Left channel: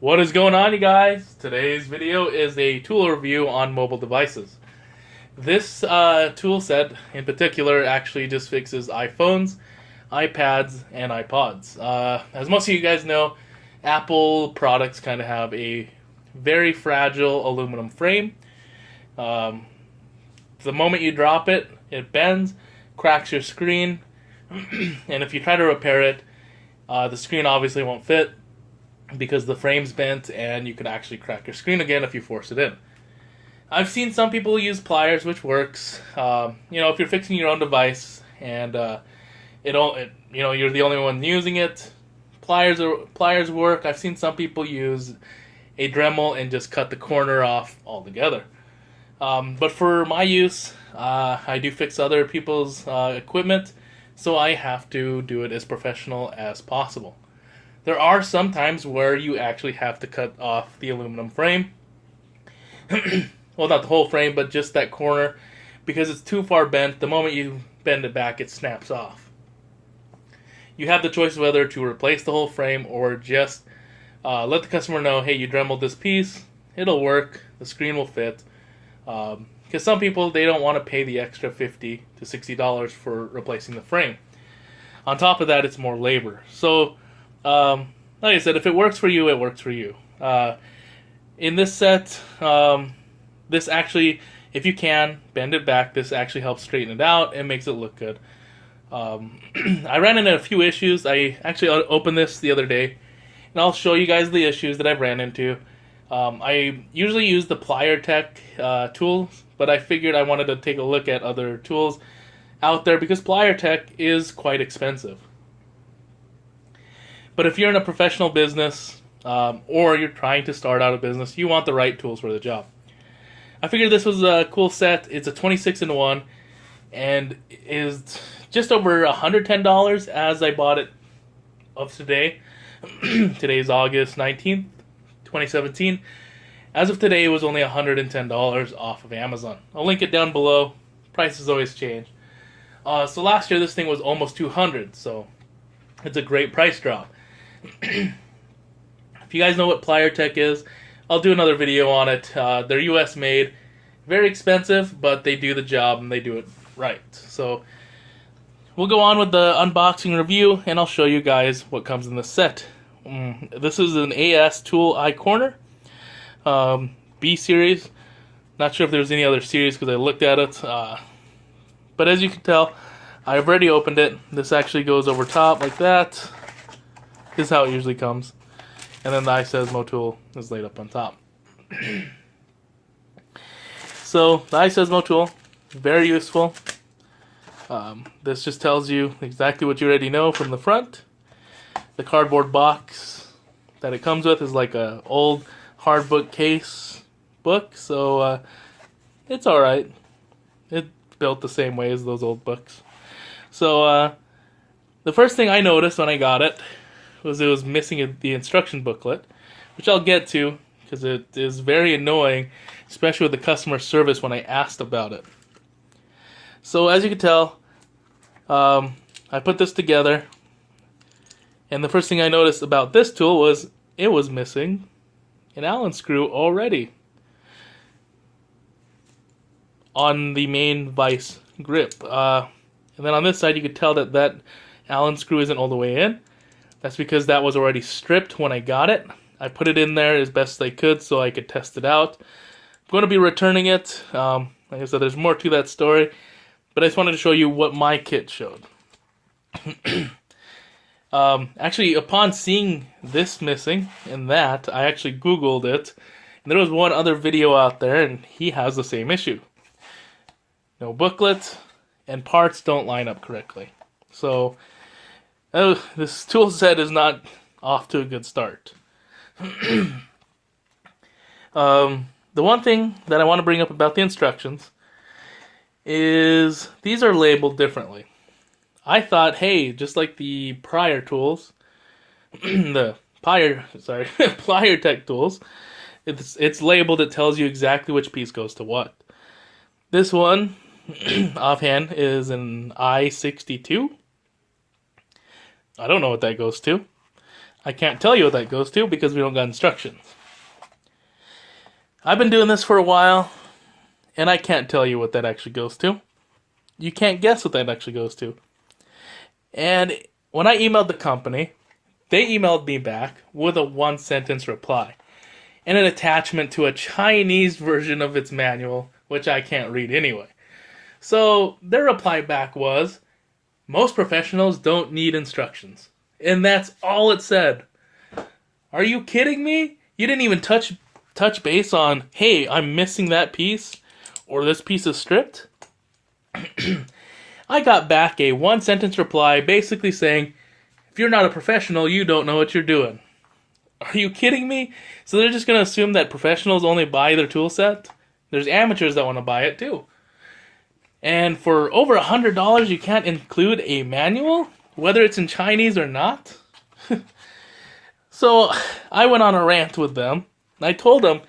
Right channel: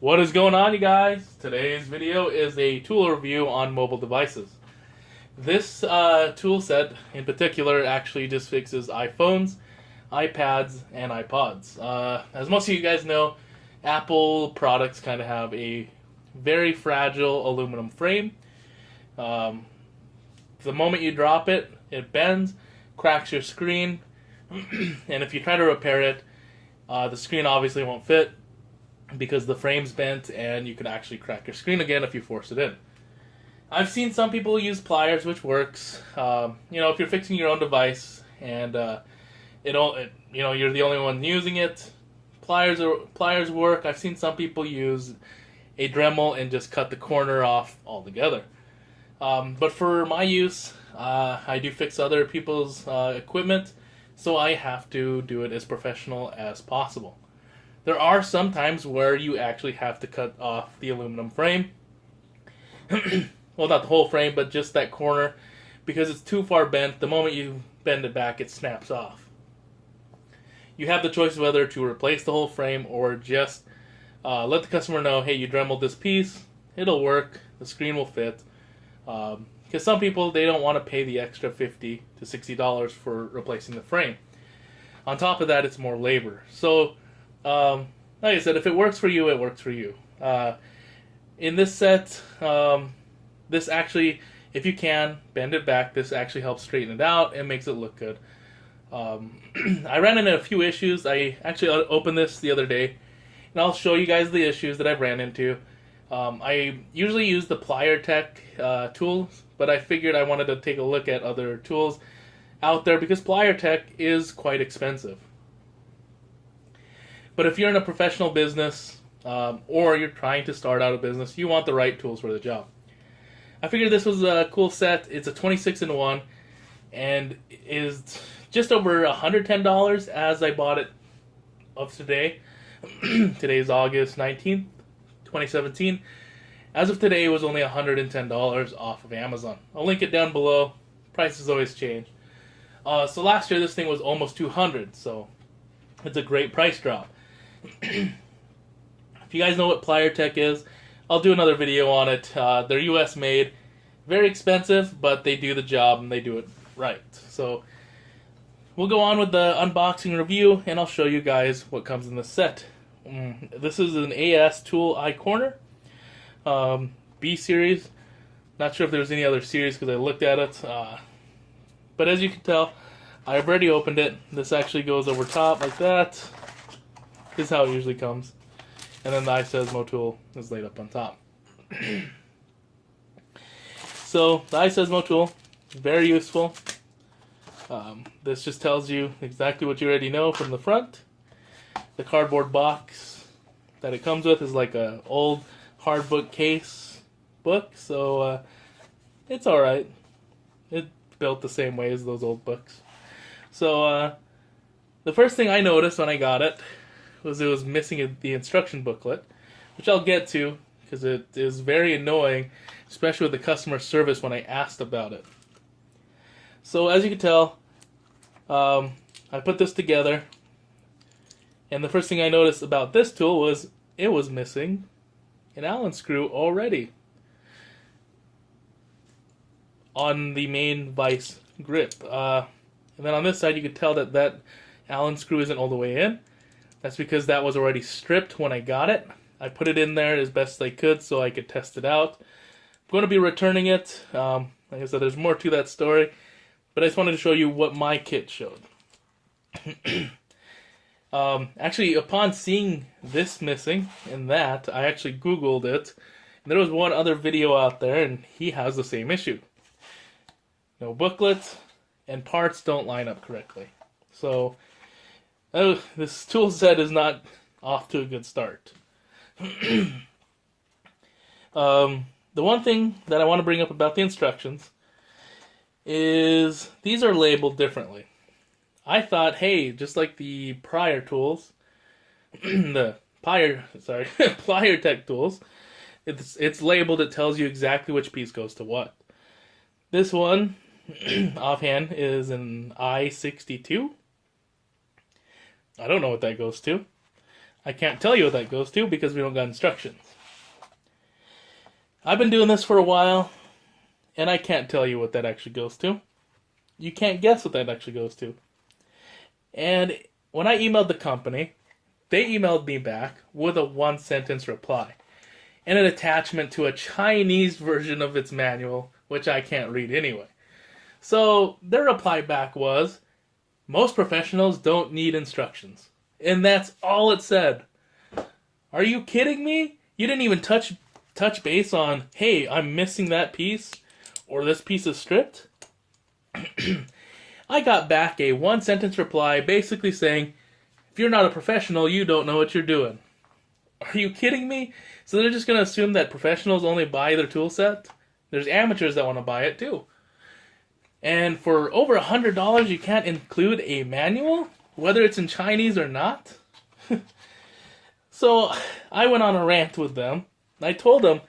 What is going on, you guys? Today's video is a tool review on mobile devices. This tool set in particular actually just fixes iPhones, iPads, and iPods. As most of you guys know, Apple products kind of have a very fragile aluminum frame. The moment you drop it, it bends, cracks your screen, and if you try to repair it, the screen obviously won't fit because the frame's bent and you can actually crack your screen again if you force it in. I've seen some people use pliers, which works. If you're fixing your own device and you're the only one using it, pliers work. I've seen some people use a Dremel and just cut the corner off altogether. But for my use, I do fix other people's equipment, so I have to do it as professional as possible. There are some times where you actually have to cut off the aluminum frame. Well, not the whole frame, but just that corner, because it's too far bent. The moment you bend it back, it snaps off. You have the choice whether to replace the whole frame or just let the customer know, hey, you dremeled this piece, it'll work, the screen will fit. Because some people, they don't want to pay the extra $50 to $60 for replacing the frame. On top of that, it's more labor. So, like I said, if it works for you, it works for you. In this set, this actually, if you can, bend it back. This actually helps straighten it out and makes it look good. I ran into a few issues. I actually opened this the other day, and I'll show you guys the issues that I've ran into. I usually use the Pliertek tools, but I figured I wanted to take a look at other tools out there because Pliertek is quite expensive. But if you're in a professional business or you're trying to start out a business, you want the right tools for the job. I figured this was a cool set. It's a 26-in-1 and is just over $110 as I bought it of today. Today's August 19th, 2017. As of today, it was only $110 off of Amazon. I'll link it down below. Prices always change. So last year, this thing was almost $200, so it's a great price drop. If you guys know what Pliertek is, I'll do another video on it. They're US made, very expensive, but they do the job and they do it right. So we'll go on with the unboxing review, and I'll show you guys what comes in the set. This is an AS tool iCorner B series. Not sure if there's any other series because I looked at it, but as you can tell, I've already opened it. This actually goes over top like that. This is how it usually comes. And then the iSesmo tool is laid up on top. So, the iSesmo tool, very useful. This just tells you exactly what you already know from the front. The cardboard box that it comes with is like an old hard book case book, so it's alright. It's built the same way as those old books. So, the first thing I noticed when I got it was missing the instruction booklet, which I'll get to because it is very annoying, especially with the customer service when I asked about it. So as you can tell, I put this together, and the first thing I noticed about this tool was it was missing an Allen screw already on the main vise grip. And then on this side, you could tell that Allen screw isn't all the way in. That's because that was already stripped when I got it. I put it in there as best I could so I could test it out. I'm going to be returning it. Like I said, there's more to that story, but I just wanted to show you what my kit showed. Actually, upon seeing this missing and that, I actually Googled it, and there was one other video out there, and he has the same issue. No booklet, and parts don't line up correctly. So this tool set is not off to a good start. The one thing that I want to bring up about the instructions is these are labeled differently. I thought, hey, just like the prior tools, Pliertek tools, it's labeled, it tells you exactly which piece goes to what. This one, offhand, is an I-62. I don't know what that goes to. I can't tell you what that goes to because we don't got instructions. I've been doing this for a while, and I can't tell you what that actually goes to. You can't guess what that actually goes to. And when I emailed the company, they emailed me back with a one-sentence reply and an attachment to a Chinese version of its manual, which I can't read anyway. So their reply back was, most professionals don't need instructions. And that's all it said. Are you kidding me? You didn't even touch base on, hey, I'm missing that piece, or this piece is stripped? I got back a one-sentence reply basically saying, if you're not a professional, you don't know what you're doing. Are you kidding me? So they're just going to assume that professionals only buy their tool set? There's amateurs that want to buy it too. And for over $100, you can't include a manual, whether it's in Chinese or not? So I went on a rant with them. And I told them,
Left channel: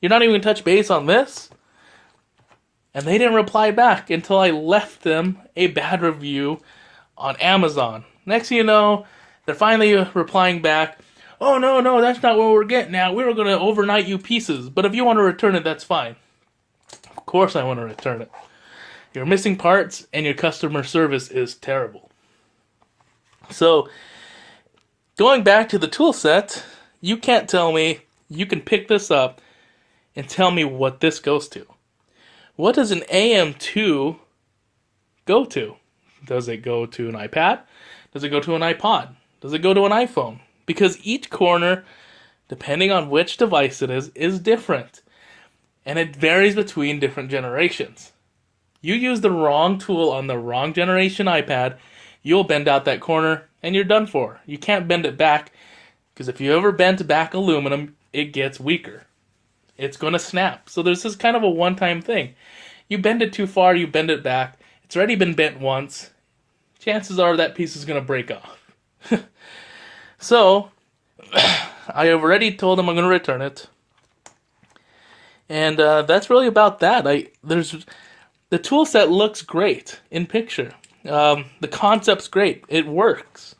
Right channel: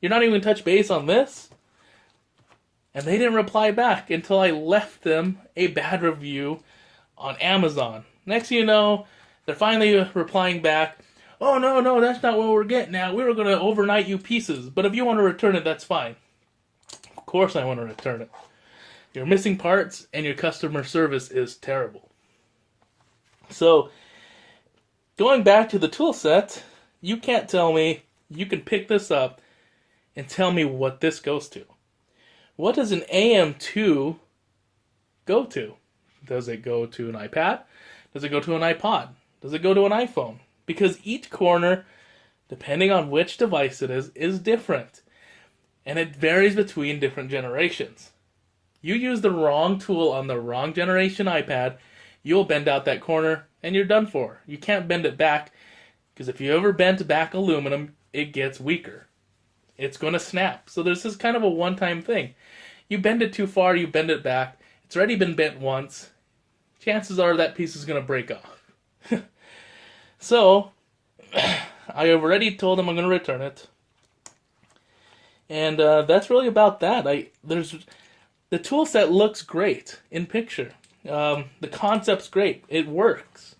you're not even going to touch base on this? And they didn't reply back until I left them a bad review on Amazon. Next thing you know, they're finally replying back, oh, no, that's not what we're getting at. We were going to overnight you pieces, but if you want to return it, that's fine. Of course I want to return it. You're missing parts, and your customer service is terrible. So, going back to the tool set, you can't tell me you can pick this up and tell me what this goes to. What does an AM2 go to? Does it go to an iPad? Does it go to an iPod? Does it go to an iPhone? Because each corner, depending on which device it is different. And it varies between different generations. You use the wrong tool on the wrong generation iPad, you'll bend out that corner and you're done for. You can't bend it back, because if you ever bend back aluminum, it gets weaker. It's going to snap. So this is kind of a one-time thing. You bend it too far, you bend it back. It's already been bent once. Chances are that piece is going to break off. So, I have already told them I'm going to return it. And that's really about that. The tool set looks great in picture. The concept's great. It works.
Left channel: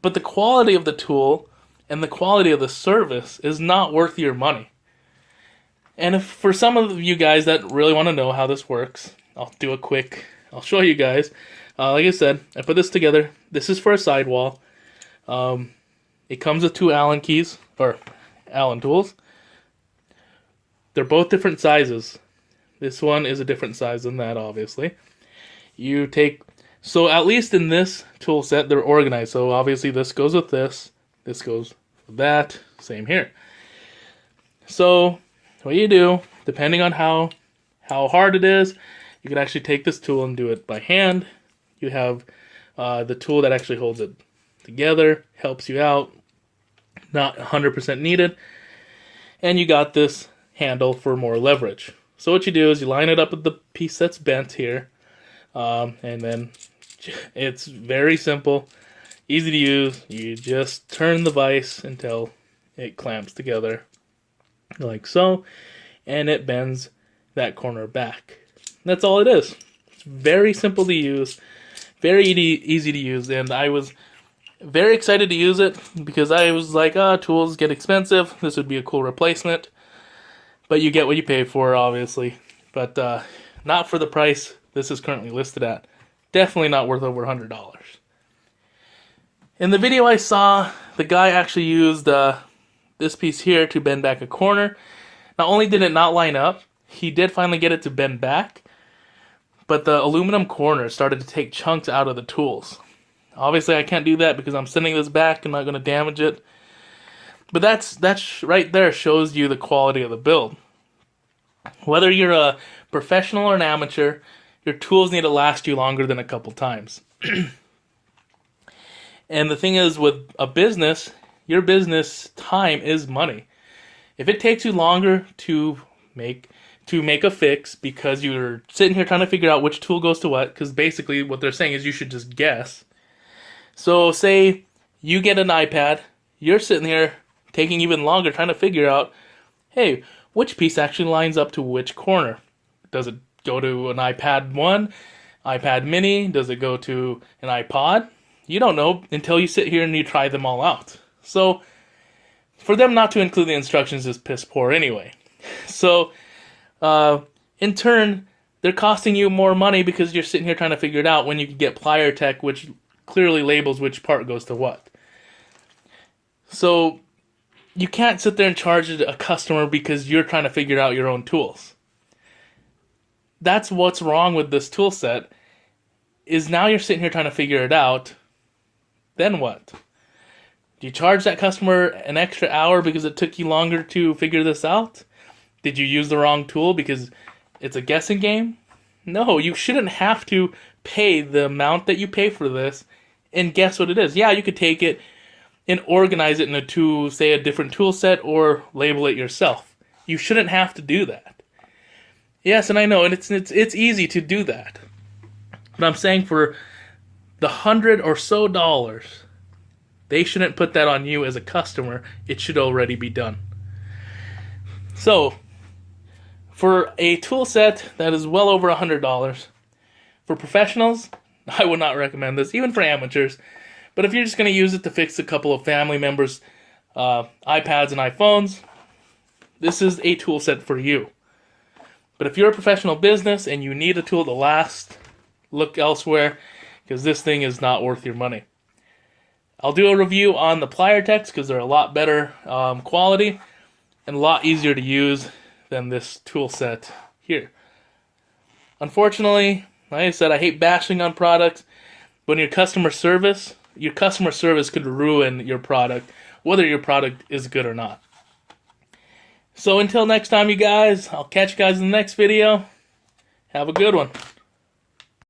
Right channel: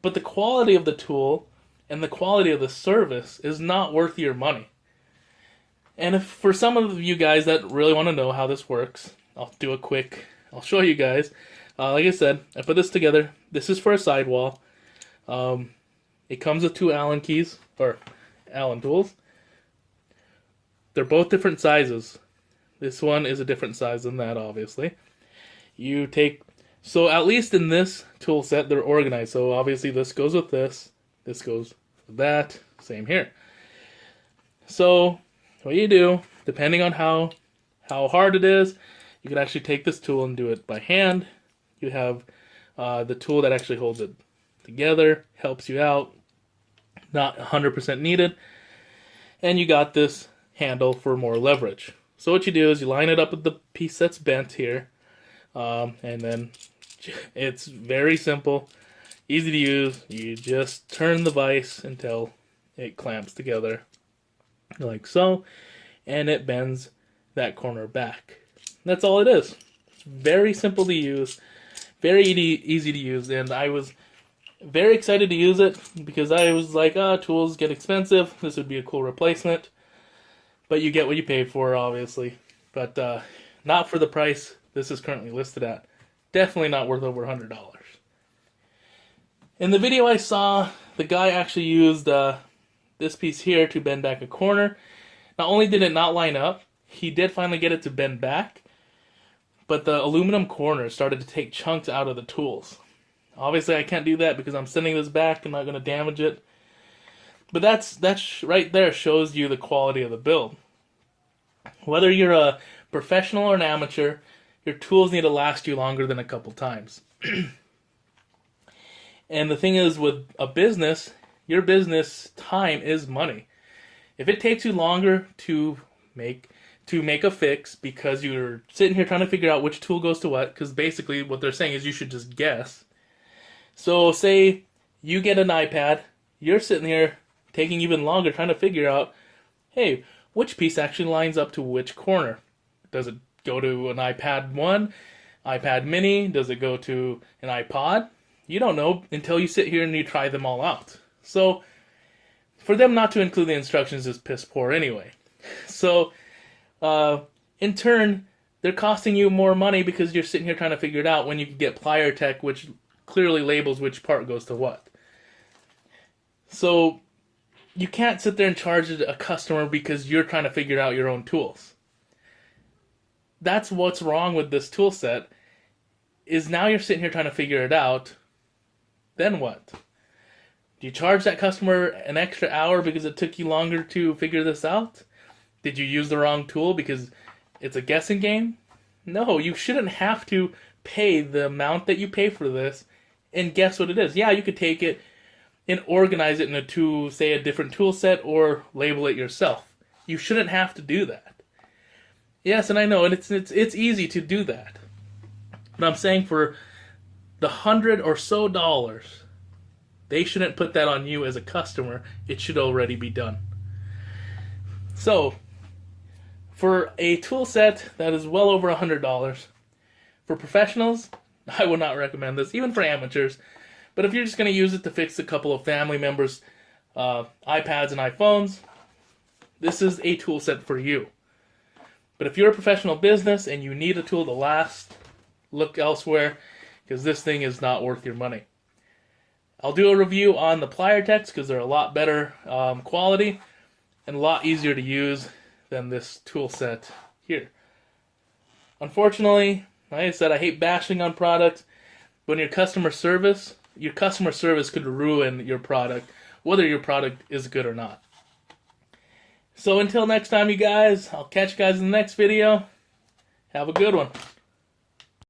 But the quality of the tool and the quality of the service is not worth your money. And if for some of you guys that really want to know how this works, I'll show you guys. Like I said, I put this together. This is for a sidewall. It comes with two Allen keys, or Allen tools. They're both different sizes. This one is a different size than that, obviously. So at least in this tool set, they're organized. So obviously this goes with this goes with that, same here. So what you do, depending on how hard it is, you can actually take this tool and do it by hand. You have the tool that actually holds it together, helps you out, not 100% needed. And you got this handle for more leverage. So what you do is you line it up with the piece that's bent here, and then it's very simple, easy to use. You just turn the vise until it clamps together, like so, and it bends that corner back. That's all it is. It's very simple to use, very easy to use, and I was very excited to use it because I was like, tools get expensive. This would be a cool replacement. But you get what you pay for, obviously. But not for the price this is currently listed at. Definitely not worth over $100. In the video I saw, the guy actually used this piece here to bend back a corner. Not only did it not line up, he did finally get it to bend back, but the aluminum corner started to take chunks out of the tools. Obviously I can't do that because I'm sending this back. I'm not going to damage it. But that's right there shows you the quality of the build. Whether you're a professional or an amateur, your tools need to last you longer than a couple times. And the thing is, with a business, your business time is money. If it takes you longer to make a fix because you're sitting here trying to figure out which tool goes to what, because basically what they're saying is you should just guess. So say you get an iPad, you're sitting here taking even longer trying to figure out, hey, which piece actually lines up to which corner? Does it go to an iPad 1, iPad mini? Does it go to an iPod? You don't know until you sit here and you try them all out. So for them not to include the instructions is piss poor anyway. So in turn, they're costing you more money because you're sitting here trying to figure it out when you can get Pliertek, which clearly labels which part goes to what. So you can't sit there and charge a customer because you're trying to figure out your own tools. That's what's wrong with this tool set, is now you're sitting here trying to figure it out. Then what? Do you charge that customer an extra hour because it took you longer to figure this out? Did you use the wrong tool because it's a guessing game? No, you shouldn't have to pay the amount that you pay for this and guess what it is. Yeah, you could take it and organize it into, say, a different tool set or label it yourself. You shouldn't have to do that. Yes, and I know, and it's easy to do that. But I'm saying for the $100 or so, they shouldn't put that on you as a customer. It should already be done. So, for a tool set that is well over $100, for professionals, I would not recommend this, even for amateurs. But if you're just going to use it to fix a couple of family members' iPads and iPhones, this is a tool set for you. But if you're a professional business and you need a tool to last, look elsewhere, because this thing is not worth your money. I'll do a review on the Pliertek because they're a lot better quality and a lot easier to use than this tool set here. Unfortunately, like I said, I hate bashing on products, but your customer service could ruin your product, whether your product is good or not. So until next time, you guys, I'll catch you guys in the next video. Have a good one.